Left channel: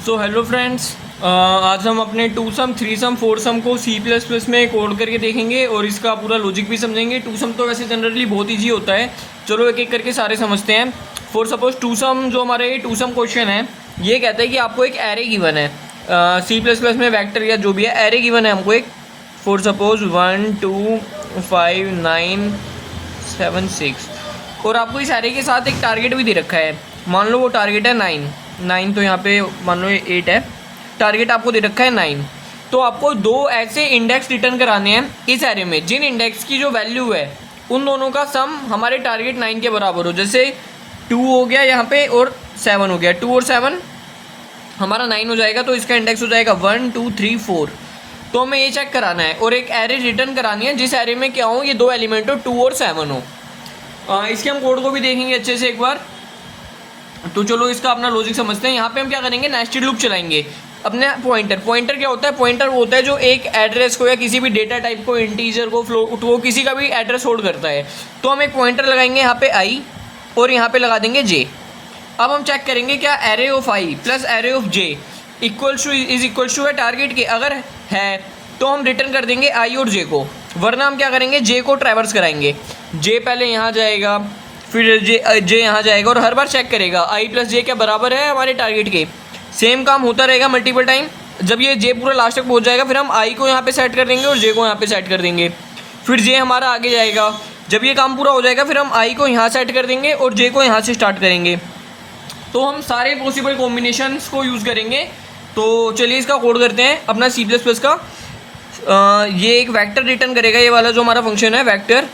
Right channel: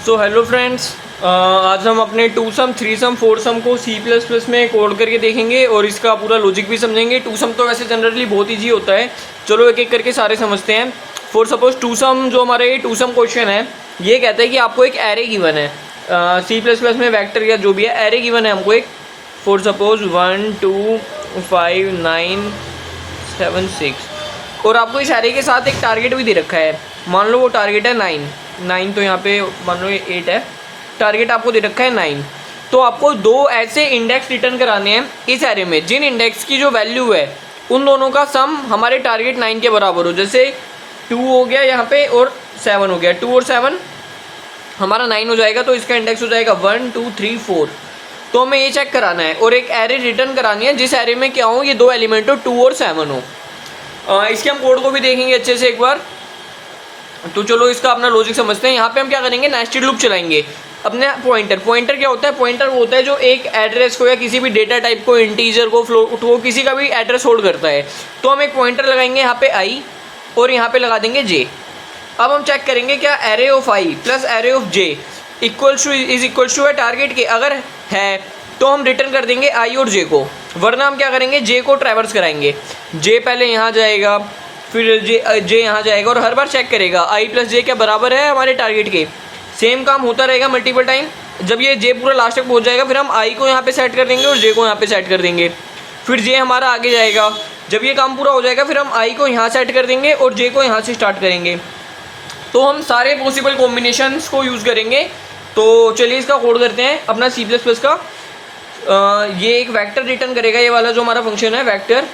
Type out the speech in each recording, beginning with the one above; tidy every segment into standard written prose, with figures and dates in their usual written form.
So hello friends, आज हम अपने two sum, three sum, four sum को सी प्लस प्लस में कोड करके देखेंगे और इसका पूरा लॉजिक भी समझेंगे। टू सम तो वैसे जनरली बहुत ईजी होता है, चलो एक एक करके सारे समझते हैं। फॉर सपोज टू सम, जो हमारे टू सम क्वेश्चन है, ये कहता है कि आपको एक एरे गिवन है। सी प्लस प्लस में वेक्टर या जो भी है, एरे गिवन है हमको एक। फॉर सपोज 1 2 5 9 7 6 और आपको इस एरे के साथ एक टारगेट भी दे रखा है। मान लो वो टारगेट है 9, तो यहाँ पे मान लो ये 8 है, टारगेट आपको दे रखा है 9। तो आपको दो ऐसे इंडेक्स रिटर्न कराने हैं इस एरे में जिन इंडेक्स की जो वैल्यू है उन दोनों का सम हमारे टारगेट 9 के बराबर हो। जैसे 2 हो गया यहाँ पे और 7 हो गया, 2 और 7 हमारा 9 हो जाएगा, तो इसका इंडेक्स हो जाएगा 1 2 3 4। तो हमें ये चेक कराना है और एक एरे रिटर्न करानी है जिस एरे में क्या हो, ये दो एलिमेंट हो, 2 और 7 हो। इसके हम कोड को भी देखेंगे अच्छे से एक बार। तो चलो इसका अपना लॉजिक समझते हैं। यहाँ पे हम क्या करेंगे, नेस्टेड लूप चलाएंगे। अपने पॉइंटर क्या होता है, पॉइंटर वो होता है जो एक एड्रेस को या किसी भी डेटा टाइप को, इंटीजर को, फ्लोट को, किसी का भी एड्रेस होल्ड करता है। तो हम एक पॉइंटर लगाएंगे यहाँ पे आई और यहाँ पे लगा देंगे जे। अब हम चेक करेंगे क्या array of I plus array of j equals to है टारगेट के। अगर है तो हम रिटर्न कर देंगे आई और जे को, वरना हम क्या करेंगे, जे को ट्रैवर्स कराएंगे। जे पहले यहाँ जाएगा, फिर जे यहाँ जाएगा और हर बार चेक करेगा आई प्लस जे क्या बराबर है हमारे टारगेट के। सेम काम होता रहेगा मल्टीपल टाइम। जब ये जे पूरा लास्ट तक पहुँच जाएगा फिर हम आई को यहाँ पे सेट कर देंगे और जे को यहाँ पे सेट कर देंगे। फिर जे हमारा आगे जाएगा, जब ये काम पूरा हो जाएगा फिर हम आई को यहाँ सेट कर देंगे और जे को यहाँ से स्टार्ट करेंगे। तो हम सारे पॉसिबल कॉम्बिनेशंस को यूज़ करेंगे। तो चलिए इसका कोड करते हैं अपना सी प्लस प्लस का। ये एक वेक्टर रिटर्न करेगा, ये वाला जो हमारा फंक्शन है वेक्टर,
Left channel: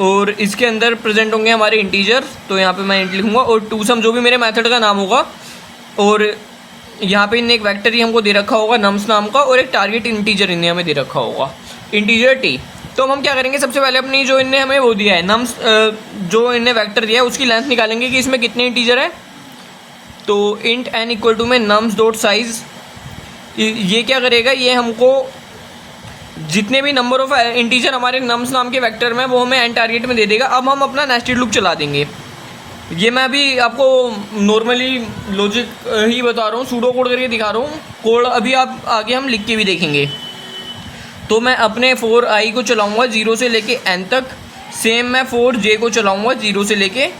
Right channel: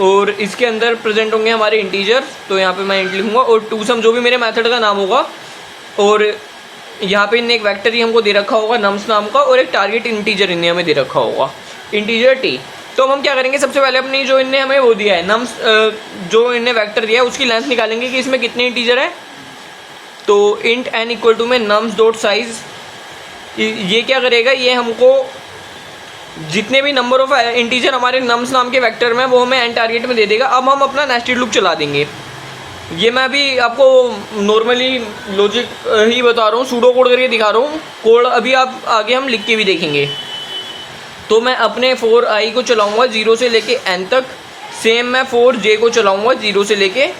और इसके अंदर प्रेजेंट होंगे हमारे इंटीजर। तो यहाँ पे मैं इंट लिखूँगा और टू सम जो भी मेरे मेथड का नाम होगा, और यहाँ पे इन्हें एक वेक्टर ही हमको दे रखा होगा नम्स नाम का, और एक टारगेट इंटीजर इन्हें हमें दे रखा होगा, इंटीजर टी। तो हम क्या करेंगे, सबसे पहले अपनी जो इन्हें हमें वो दिया है नम्स, जो इन्हें वेक्टर दिया है उसकी लेंथ निकालेंगे कि इसमें कितने इंटीजर है। तो इंट एन इक्वल टू में नम्स डॉट साइज, ये क्या करेगा, ये हमको जितने भी नंबर ऑफ इंटीजर हमारे नम्स नाम के वेक्टर में वो हमें एन टारगेट में दे देगा। अब हम अपना नेस्टेड लूप चला देंगे। ये मैं अभी आपको नॉर्मली लॉजिक ही बता रहा हूँ, सूडो कोड करके दिखा रहा हूँ। कोड अभी आप आगे हम लिख के भी देखेंगे। तो मैं अपने फोर आई को चलाऊँगा 0 से लेके एन तक। सेम मैं फोर जे को चलाऊँगा 0 से लेके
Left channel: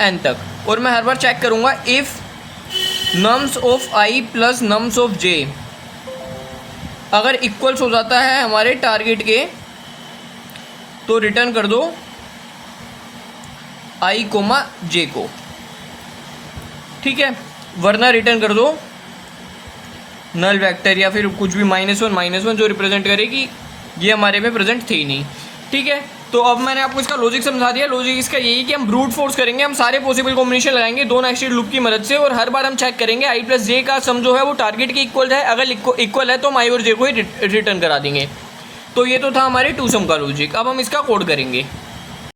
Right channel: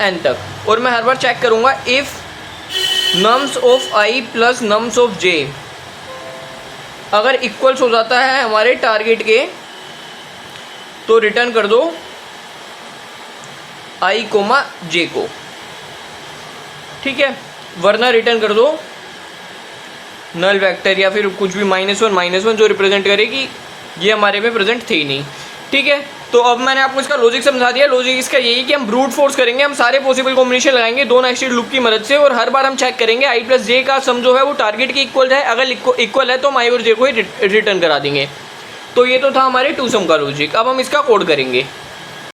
एन तक, और मैं हर बार चेक करूँगा if nums of I plus nums of J अगर इक्वल्स हो जाता है हमारे टारगेट के तो रिटर्न कर दो आई कोमा जे को, ठीक है, वरना रिटर्न कर दो नल वेक्टर या फिर कुछ भी -1 जो रिप्रेजेंट करेगी ये हमारे में प्रेजेंट थे ही नहीं, ठीक है। तो अब मैंने आपको इसका लॉजिक समझा दिया। लॉजिक इसका यही कि हम ब्रूट फोर्स करेंगे, हम सारे पॉसिबल कॉम्बिनेशन लगाएंगे दो नेस्टेड लूप की मदद से, और हर बार हम चेक करेंगे आई प्लस जे का सम जो है वो टारगेट के इक्वल है। अगर इक्वल है तो हम आई और जे को ही रिटर्न करा देंगे। तो ये तो था हमारे टू सम का लॉजिक। अब हम इसका कोड करेंगे।